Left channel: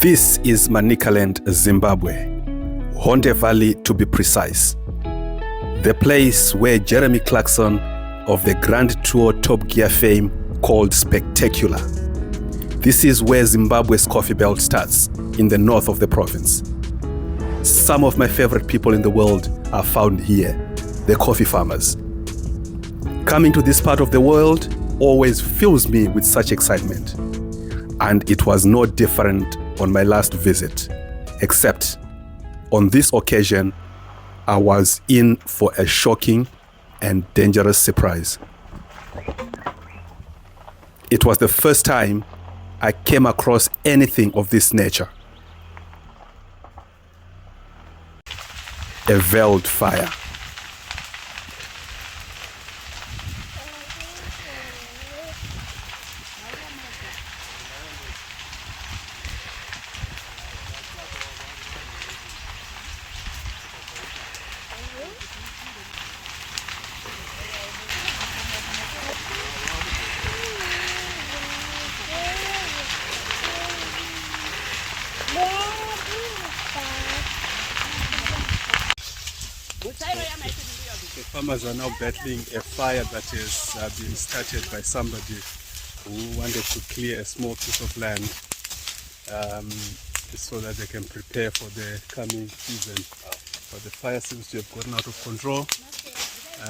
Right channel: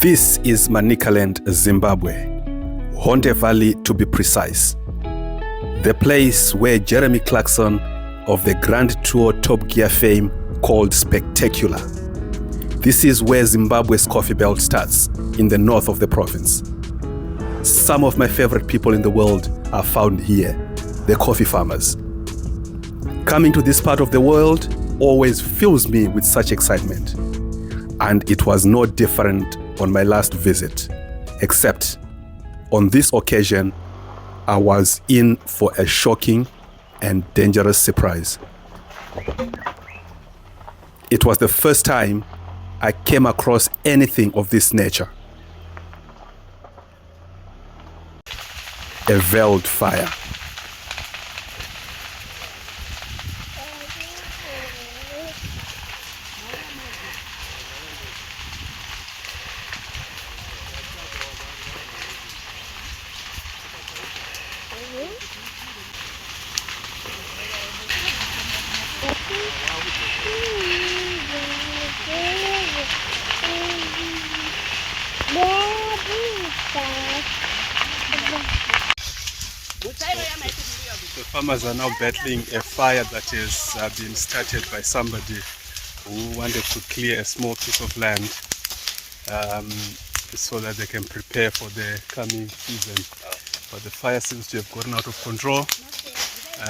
This is Manicaland, Zimbabwe, Honde Valley to be precise. The place where Jeremy Clarkson of the Grand Tour Top Gear fame called Spectacular. This is where Zimbabwe's coffee belt starts, in the north of the province. Some of my favorite people in the world are found here, the coffee farmers. Coming to this part of the world always fills me with such excitement. And it was no different on my last visit, except on this occasion, I was in for a shocking and dangerous surprise. It was the first time I came across anything of this nature. A veld fire. The farmers are now battling a fire that has been started by somebody who wanted to clear a small piece of land so that they can prepare for the coming season. But the fire seems to have gotten out of control,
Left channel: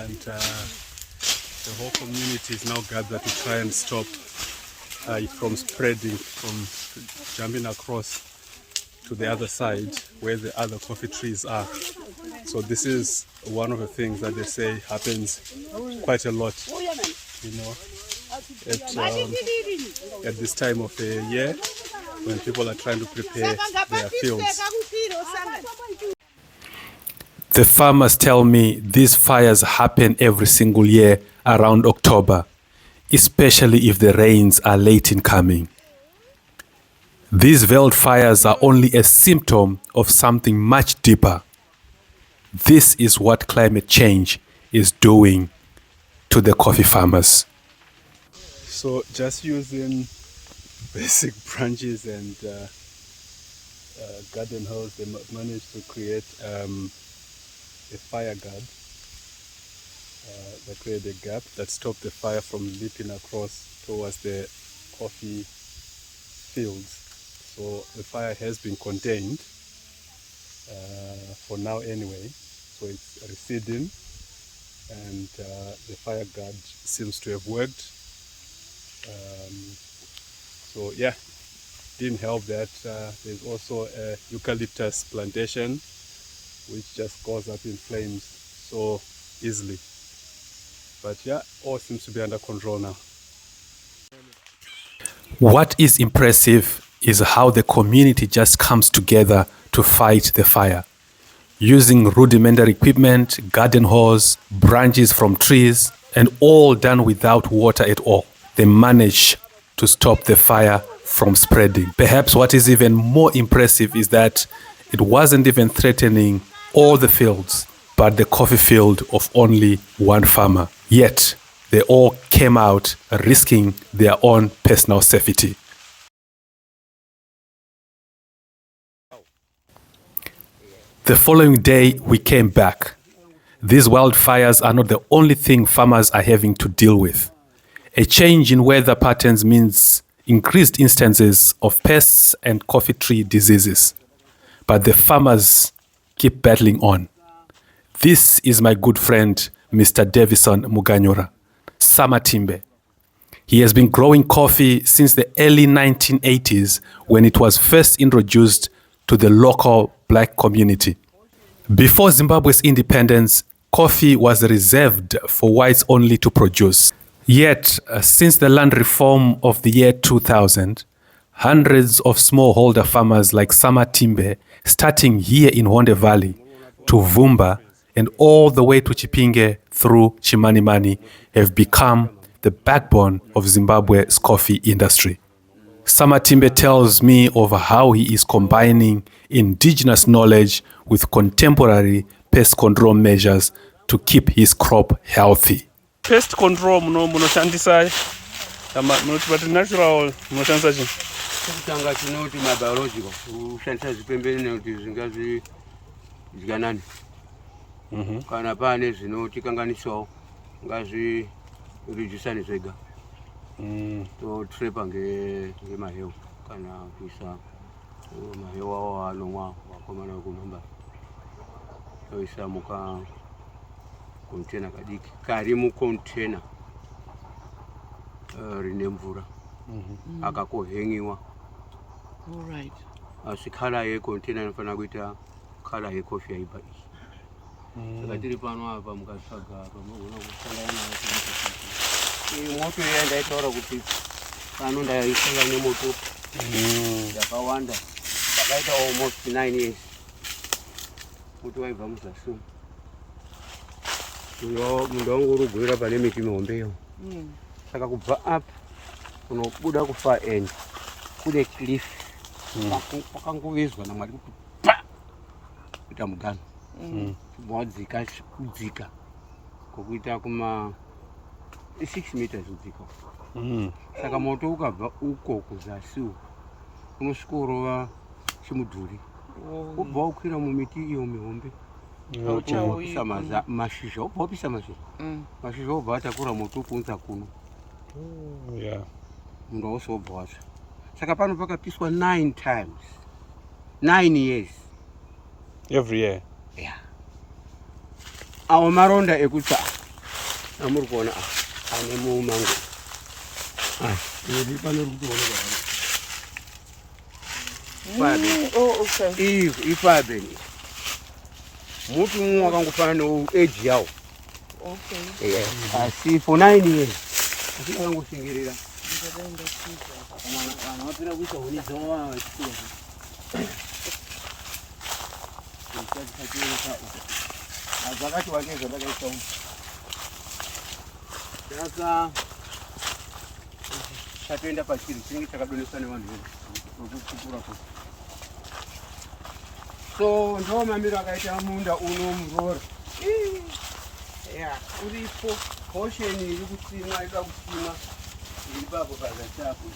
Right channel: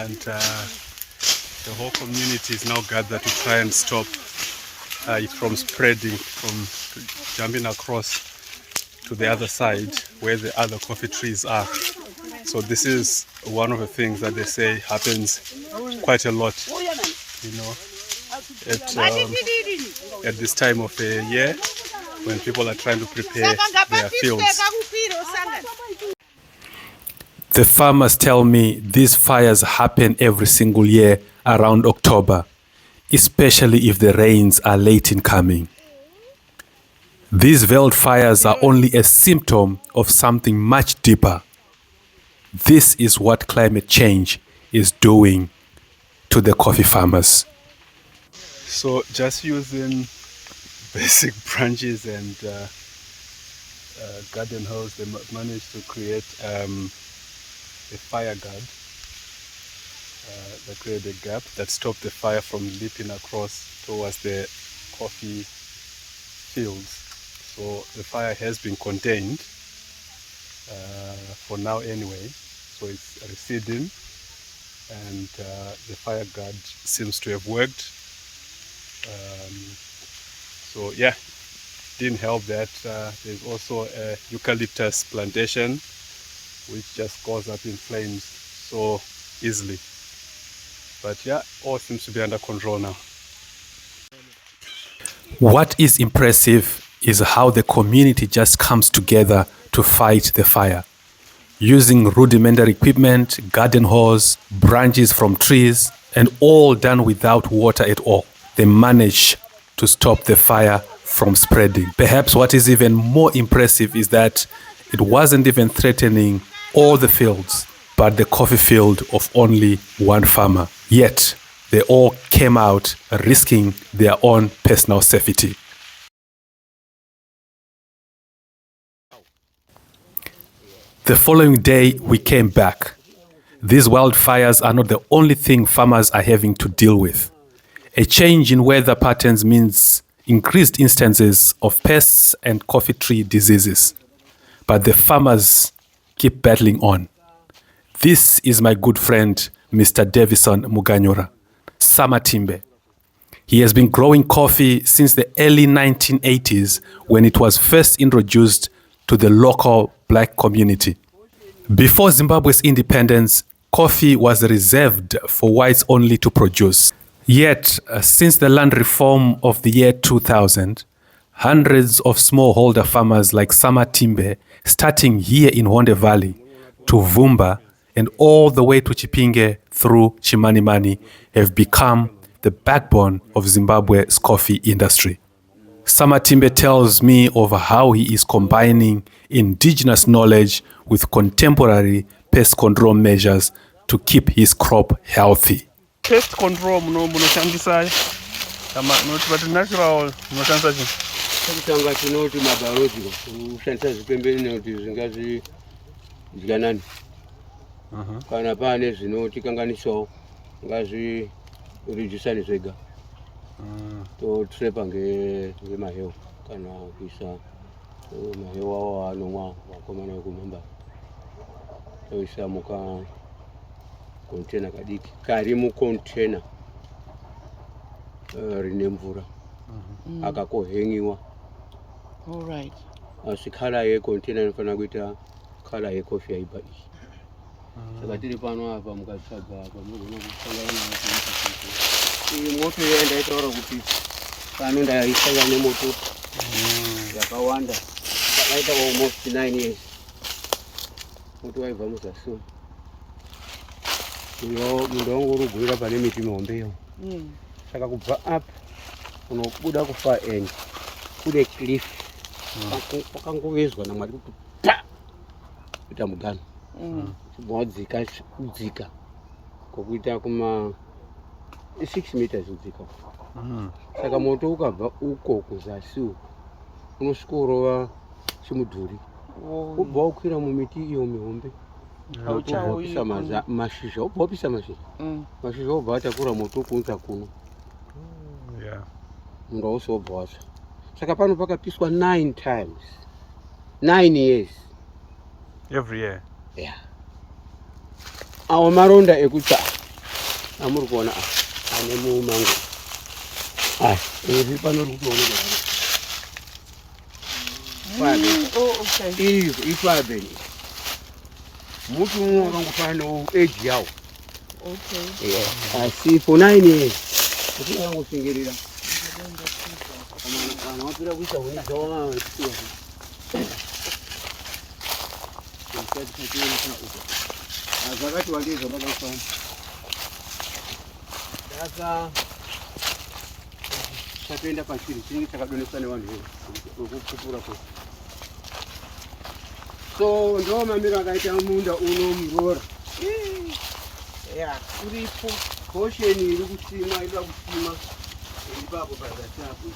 and the whole community is now gathered to try and stop it from spreading, from jumping across to the other side where the other coffee trees are. So this is one of the things that they say happens quite a lot, you know, at this time of the year when people are trying to prepare their fields. The farmers tell me these fires happen every single year around October, especially if the rains are late in coming. These veld fires are only a symptom of something much deeper. This is what climate change is doing to the coffee farmers. So just using basic branches and garden hose, they managed to create a fire guard that created a gap that stopped the fire from leaping across towards the coffee fields. So the fire has been contained for now anyway, so it's receding, and the fire guard seems to have worked. So yeah, didn't help that there's also a eucalyptus plantation which just goes up in flames so easily. But yeah, all seems to be under control now. What is impressive is how the community just comes together to fight the fire. Using rudimentary equipment, garden hose, branches from trees, and all done without water at all. They manage to stop the fire from spreading. Perhaps what is even more impressive is that it wasn't even threatening all the fields, but the coffee field of only one farmer. Yet, they all came out risking their own personal safety. The following day, we came back. These wildfires are not the only thing farmers are having to deal with. A change in weather patterns means increased instances of pests and coffee tree diseases. But the farmers keep battling on. This is my good friend, Mr. Davison Muganyora, Samatimbe. He has been growing coffee since the early 1980s when it was first introduced to the local black community. Before Zimbabwe's independence, coffee was reserved for whites only to produce. Yet, since the land reform of the year 2000, hundreds of smallholder farmers like Samatimbe, starting here in Honde Valley, to Vumba, and all the way to Chipinge through Chimanimani, have become the backbone of Zimbabwe's coffee industry. Samatimbe tells me of how he is combining indigenous knowledge with contemporary pest control measures to keep his crop healthy. Pest control munoshandisa But natural, not answer. Kutanga chinoti mabiological kushandisa zvipembere kuti zvingazi zvikanani kana pane zvinotikanganisawo ngazi rijisani zvega totrepa ngemahewu kana kuisa mahewu awo anomwa vakomana vekumhamba toisa muka kontena kadiki kari mukontena rine mvura akakohengiwa. All right. Asi kala yekontena inofanira kuita kala yekofi yaiba iyi. Saka tiri pano apa mukatsvaga apa munogona kusangana nayo iyi moto yenda itaura kuti pano ndaisangana nemoto yakawanda yakaita almost 9 years. Moto waibva muzasi. Uyo munhu wangu urugwira pane miti mihombeyo. Saka kubva apa unobuda kufa end kune cliff pakangovezwa naMwari kuti pa kuita mugano mwadzika kudzika kokuita kuma 6 meters kudzika. Saka moto ukabva uko kuzasi unosvika urova chimudhuri ubva ukwira mumiti iyo mihombe auchawisa mashizha ubva upisa mashizha ubva atakura moto kunza kuno. Munhu ausobva watsva. Saka pano pakapiswa 9 times 9 years Every year. Yeah. Awo maronda ekutsa amuri kuona ane mumango iri pano rikutoonekwa iyo ifabeni muti mumwe wakangofana neage yawo. Asi for 9 years kuti akangoshengerera vanhu vapira kuisa huni dzavo zvakati wandei zvandakaisa umu saka tatoenda pachiri chinenge chakadoneswa nevanhu vekupupura kwese. So ndo mamiro akaita munda uno murora uripo posheni iri kusimwa ida kusimwa iri papo pazasi apo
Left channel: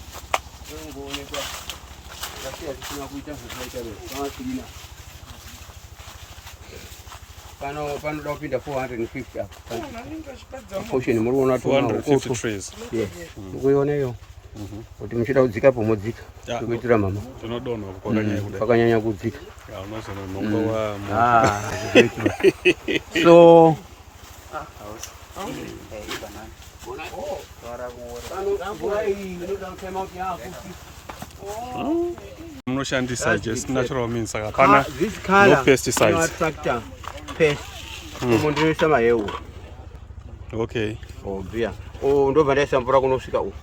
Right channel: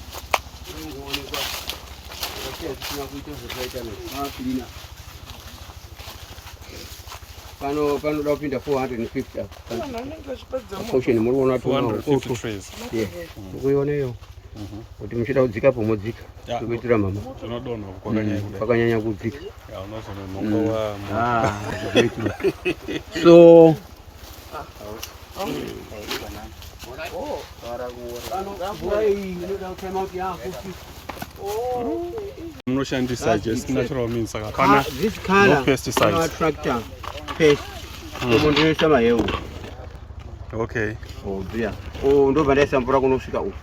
inongoonekwa akasiya kusina kuita zvakaita nezvakakilina. Panoda kupinda 450 apo posheni muri kuona 450 trees. Ukuiona iyo kuti muchida kudzika pomodzika kuitira mama kwakanyanya kudzika. So munoshandisa just natural means saka kana no pesticides. Tractor pest ndinoisa mahewu. Okay. Dear. Ndobva ndaisa mvura kunosvika uku.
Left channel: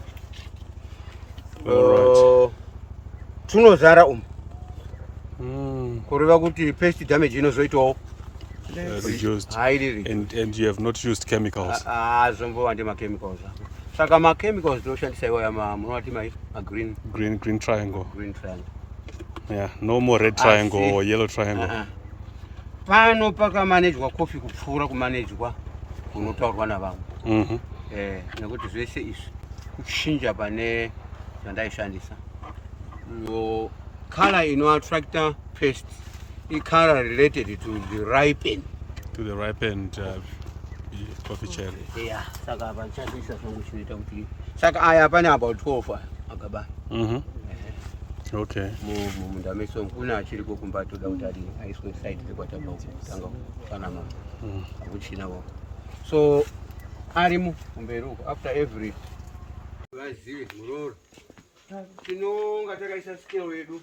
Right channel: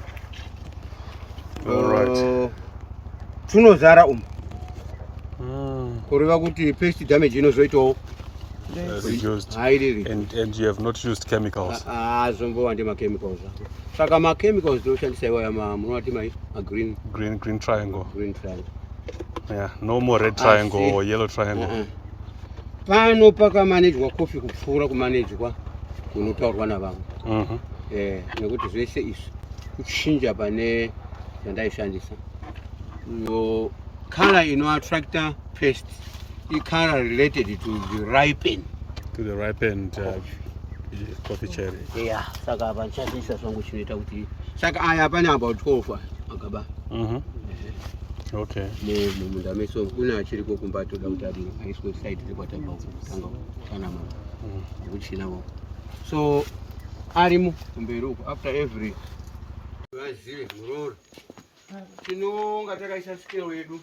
Alright. Tunozara umu kureva kuti pest damage inozoitawo reduced. And you have not used chemicals. Zombova ndemachemicals. Saka machemicals ndoshandisa iwaya munoti green triangle. Green triangle. Yeah, no more red triangle or yellow triangle. Pano pakamanejwa kofi kupfuura kumanejwa kunotaurwa navanhu. Nekuti zvese izvi kuchinja pane zvandaishandisa. Color inoattracta pest color related to the ripened coffee cherry. Yeah, saka apa nchandisa zvangu chinoita kuti saka aya pane about 12 akaba. Okay. Munda meso kuna achiriko kumba toda kuti adini aiswe side rekwatanga kutanga kana mama akuchina wao. So arimu kumberi uko after every vazive muroro tinonga takaisa scale yedu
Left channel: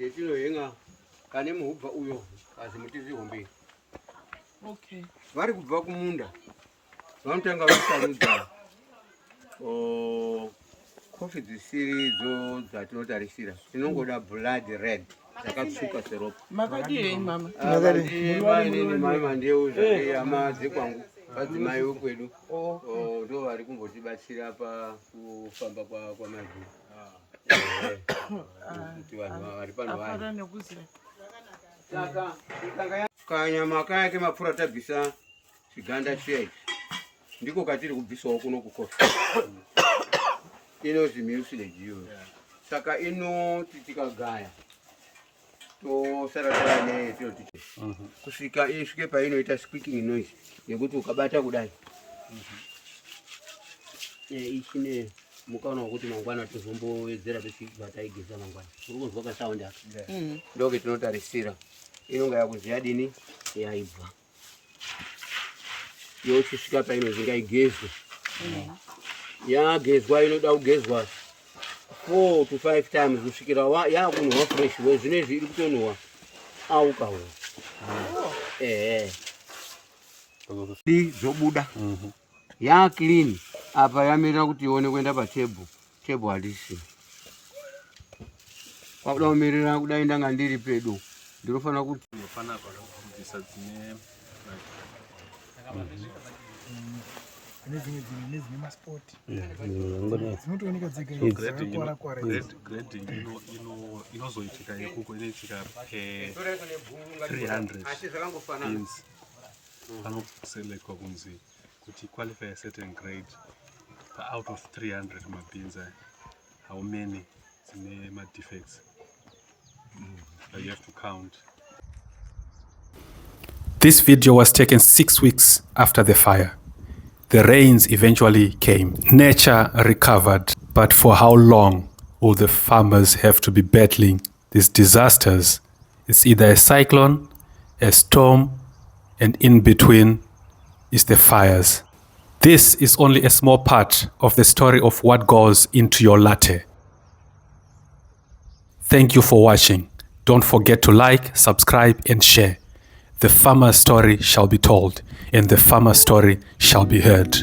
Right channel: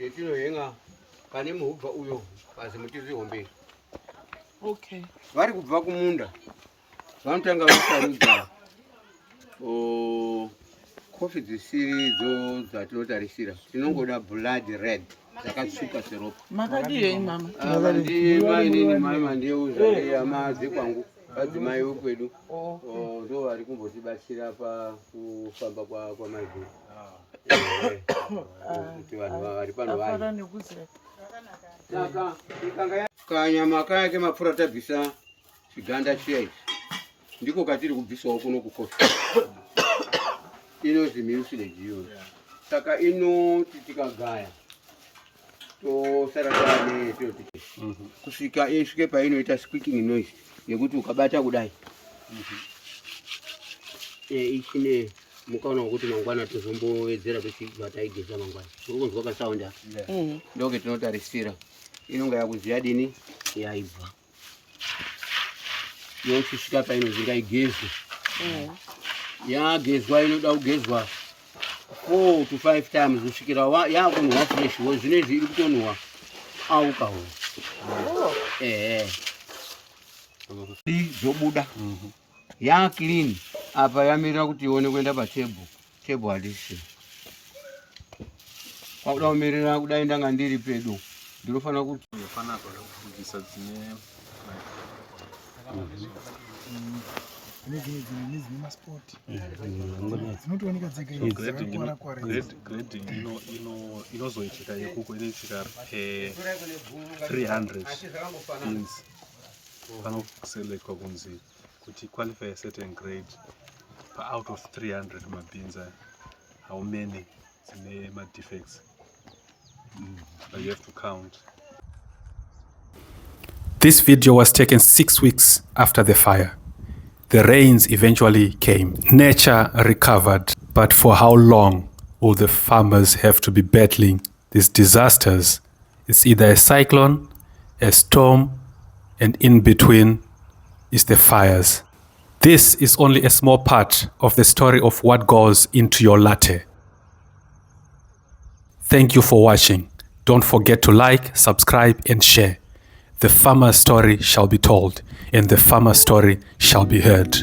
yetinohenga pane muhubva uyo kazi muti zvihomberi. Okay. Vari kubva kumunda vanotanga vasarudza kofi dzisiridzo dzatinotarisira tinongoda blood red dzakatsvuka seropa. Makadii mama? Mainini mama ndeuza amadzi kwangu vadzimai vekwedu ndo vari kumbotibatsira pakufamba kwamazulu kuti vanhu vari pano vani. Saka kanyama kaya kemapfuura tabvisa chiganda chiya ichi ndiko katiri kubvisawo kuno kukofi. inonzi mucilage iyoyo. Saka inoti tikagaya tosara taine kusvika isvike painoita squeaking noise yekuti ukabata kudai ichine mukaona kuti mangwana tozombowedzera tochibataigeza mangwana uri kunzwa kasaunda ndoke tinotarisira inonga yakuziya dini yaibva yochisvika painozi ngaigezwe yagezwa inoda kugezwa 4 to 5 times kusvikira yakunwa fresh zvinezvi iri kutonwa aukaho zobuda clean apa yamirira kuti ione kuenda patable handisi pauda kumirira kudai ndanga ndiri pedo ndinofanira kuti inozoitika ikuko inoitika 300 beans panoselekwa kunzi kuti qualify a certain grade out of 300 beans how many dzine defects you have to count. This video was taken 6 weeks after the fire. The rains eventually came. Nature recovered. But for how long will the farmers have to be battling these disasters? It's either a cyclone, a storm, and in between is the fires. This is only a small part of the story of what goes into your latte. Thank you for watching. Don't forget to like, subscribe, and share. The farmer's story shall be told, and the farmer's story shall be heard.